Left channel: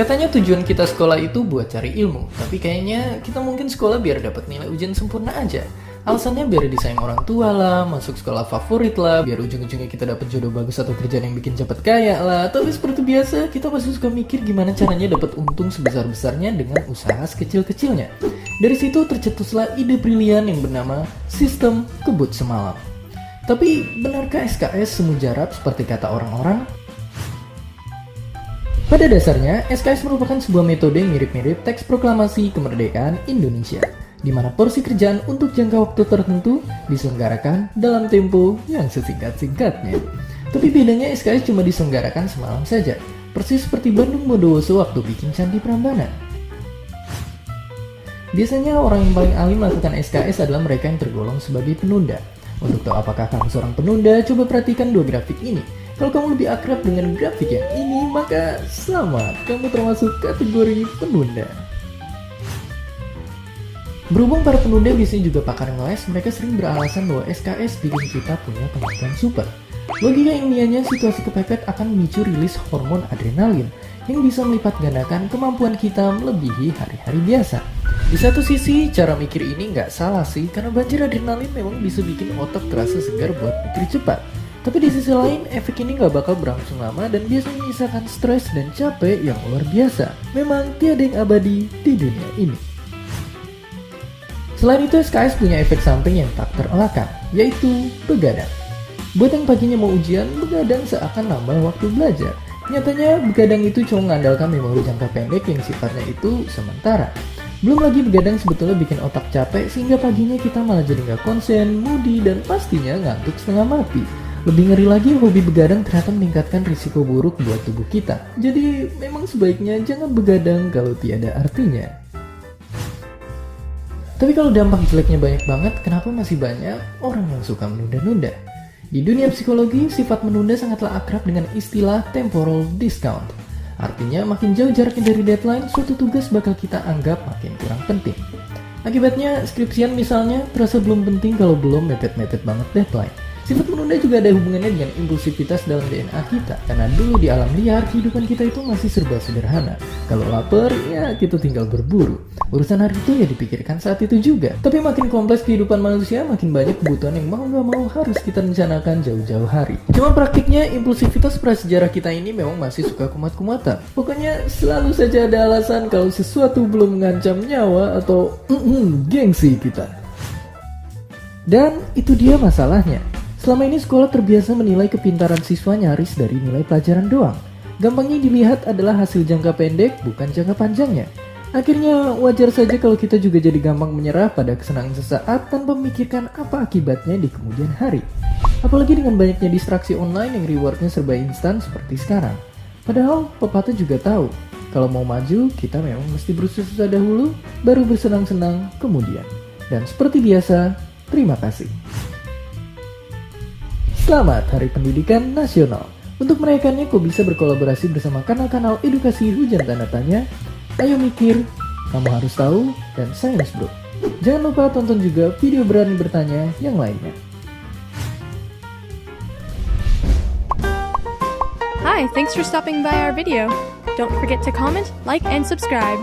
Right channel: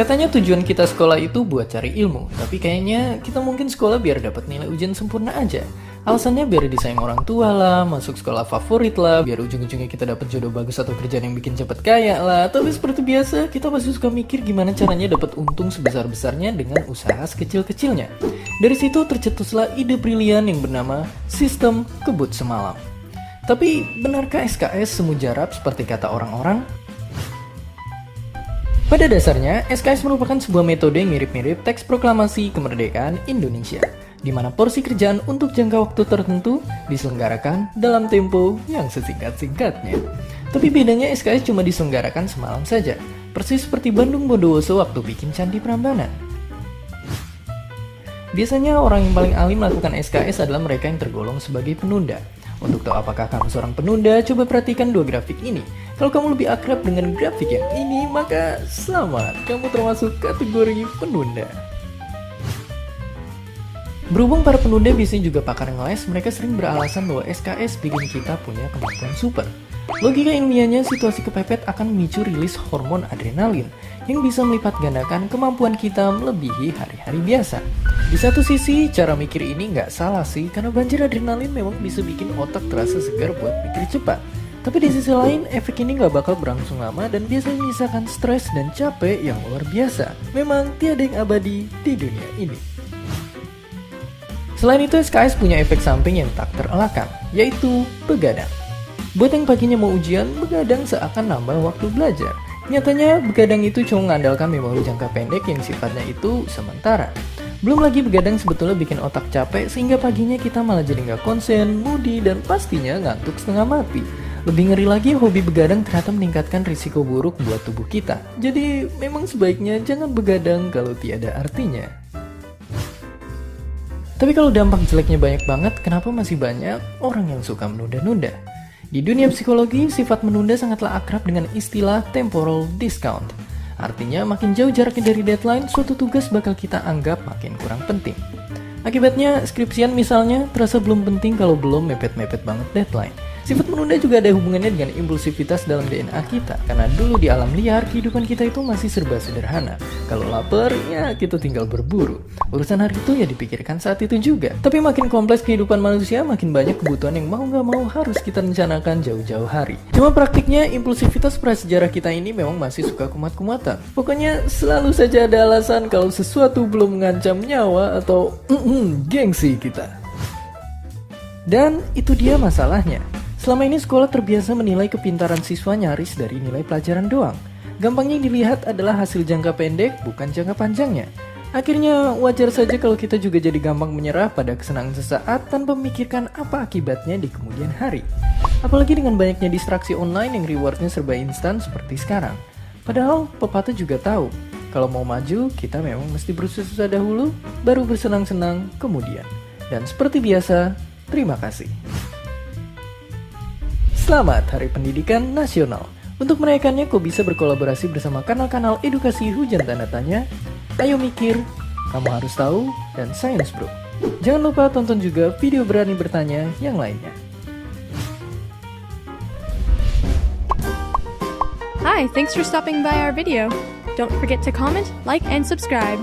Katanya tujuan kita sekolah itu buat cari ilmu, tapi kayaknya kita mungkin sekolah biar dapat nilai ujian sempurna aja. Alasannya biar disayang orang tua lah, masuk sekolah favorit lah, biar ujung-ujungnya kita dapat jodoh bagus atau kerjaan yang bikin cepet kaya lah. Tapi seperti biasa, kita pasti suka mikir gimana caranya dapat untung sebesar-besarnya dengan usaha sekecil-kecilnya. Dari situ tercetuslah ide brilian yang bernama sistem kebut semalam. Tapi benarkah SKS semujarab seperti kata orang-orang? Pada dasarnya, SKS merupakan sebuah metode yang mirip-mirip teks proklamasi kemerdekaan Indonesia, di mana porsi kerjaan untuk jangka waktu tertentu diselenggarakan dalam tempo yang sesingkat-singkatnya. Tapi bedanya SKS cuma diselenggarakan semalam saja, persis seperti Bandung Bondowoso waktu bikin Candi Prambanan. Biasanya orang yang paling ahli melakukan SKS adalah mereka yang tergolong sebagai penunda. Untuk tahu apakah kamu seorang penunda, coba perhatikan dua grafik ini. Kalau kamu lebih akrab dengan grafik yang ini, maka selamat, kamu termasuk kategori penunda. Berhubung para penunda biasanya juga pakar ngeles, mereka sering beralasan bahwa SKS bikin kita punya kemampuan super. Logika ilmiahnya, situasi kepepet akan memicu rilis hormon adrenalin yang bisa melipat gandakan kemampuan kita melebihi hari-hari biasa. Di satu sisi, cara mikir ini nggak salah sih, karena banjir adrenalin memang bisa bikin otak terasa segar buat mikir cepat. Tapi di sisi lain, efek ini nggak bakal berlangsung lama dan biasanya menyisakan stres dan capek yang luar biasa. Memang tiada yang abadi di dunia ini. Selain itu, SKS punya efek samping yang tak terelakkan, yaitu begadang. Buat yang paginya mau ujian, begadang seakan nambah waktu belajar. Nyatanya, begadang itu cuma mengandalkan memori jangka pendek yang sifatnya itu sementara. Belum lagi begadang sebetulnya bikin otak capek sehingga paginya kita malah jadi nggak konsen, moody, dan pastinya ngantuk setengah mati. Lebih ngeri lagi, hobi begadang ternyata meningkatkan risiko buruk buat tubuh kita. Jadi memang sebaiknya jangan begadang kalau tiada artinya. Tapi kalau dampak jeleknya banyak banget, kenapa masih banyak orang yang suka menunda-nunda? Di dunia psikologi, sifat menunda sangatlah akrab dengan istilah temporal discount. Artinya, makin jauh jaraknya dari deadline, suatu tugas bakal kita anggap makin kurang penting. Akibatnya, skripsian misalnya terasa belum penting kalau belum mepet-mepet banget deadline. Sifat menunda juga ada hubungannya dengan impulsivitas dalam DNA kita. Karena dulu di alam liar, kehidupan kita itu masih serba sederhana. Kalau lapar, ya kita tinggal berburu. Urusan hari itu ya dipikirkan saat itu juga. Tapi makin kompleks kehidupan manusia, makin banyak kebutuhan yang mau gak mau harus kita rencanakan jauh-jauh hari. Cuma praktiknya, impulsivitas prasejarah kita ini memang masih suka kumat-kumatan. Pokoknya selalu saja ada alasan kalau sesuatu belum mengancam nyawa atau gengsi kita. Dan itu dia masalahnya. Selama ini sekolah terbiasa menilai kepintaran siswa nyaris dari nilai pelajaran doang. Gampangnya dilihat adalah hasil jangka pendek, bukan jangka panjangnya. Akhirnya wajar saja kalau kita juga jadi gampang menyerah pada kesenangan sesaat tanpa memikirkan apa akibatnya di kemudian hari. Apalagi dengan banyaknya distraksi online yang rewardnya serba instan seperti sekarang. Padahal pepatah juga tahu, kalau mau maju kita memang mesti bersusah dahulu, baru bersenang-senang kemudian. Dan seperti biasa, terima kasih. Selamat Hari Pendidikan Nasional. Untuk merayakannya, kau bisa berkolaborasi bersama kanal-kanal edukasi hujan tanda tanya, Ayo Mikir, Kamu Harus Tahu, dan Science Bro. Jangan lupa tonton juga video Berani Bertanya yang lainnya. Hi, thanks for stopping by our video. Don't forget to comment, like, and subscribe.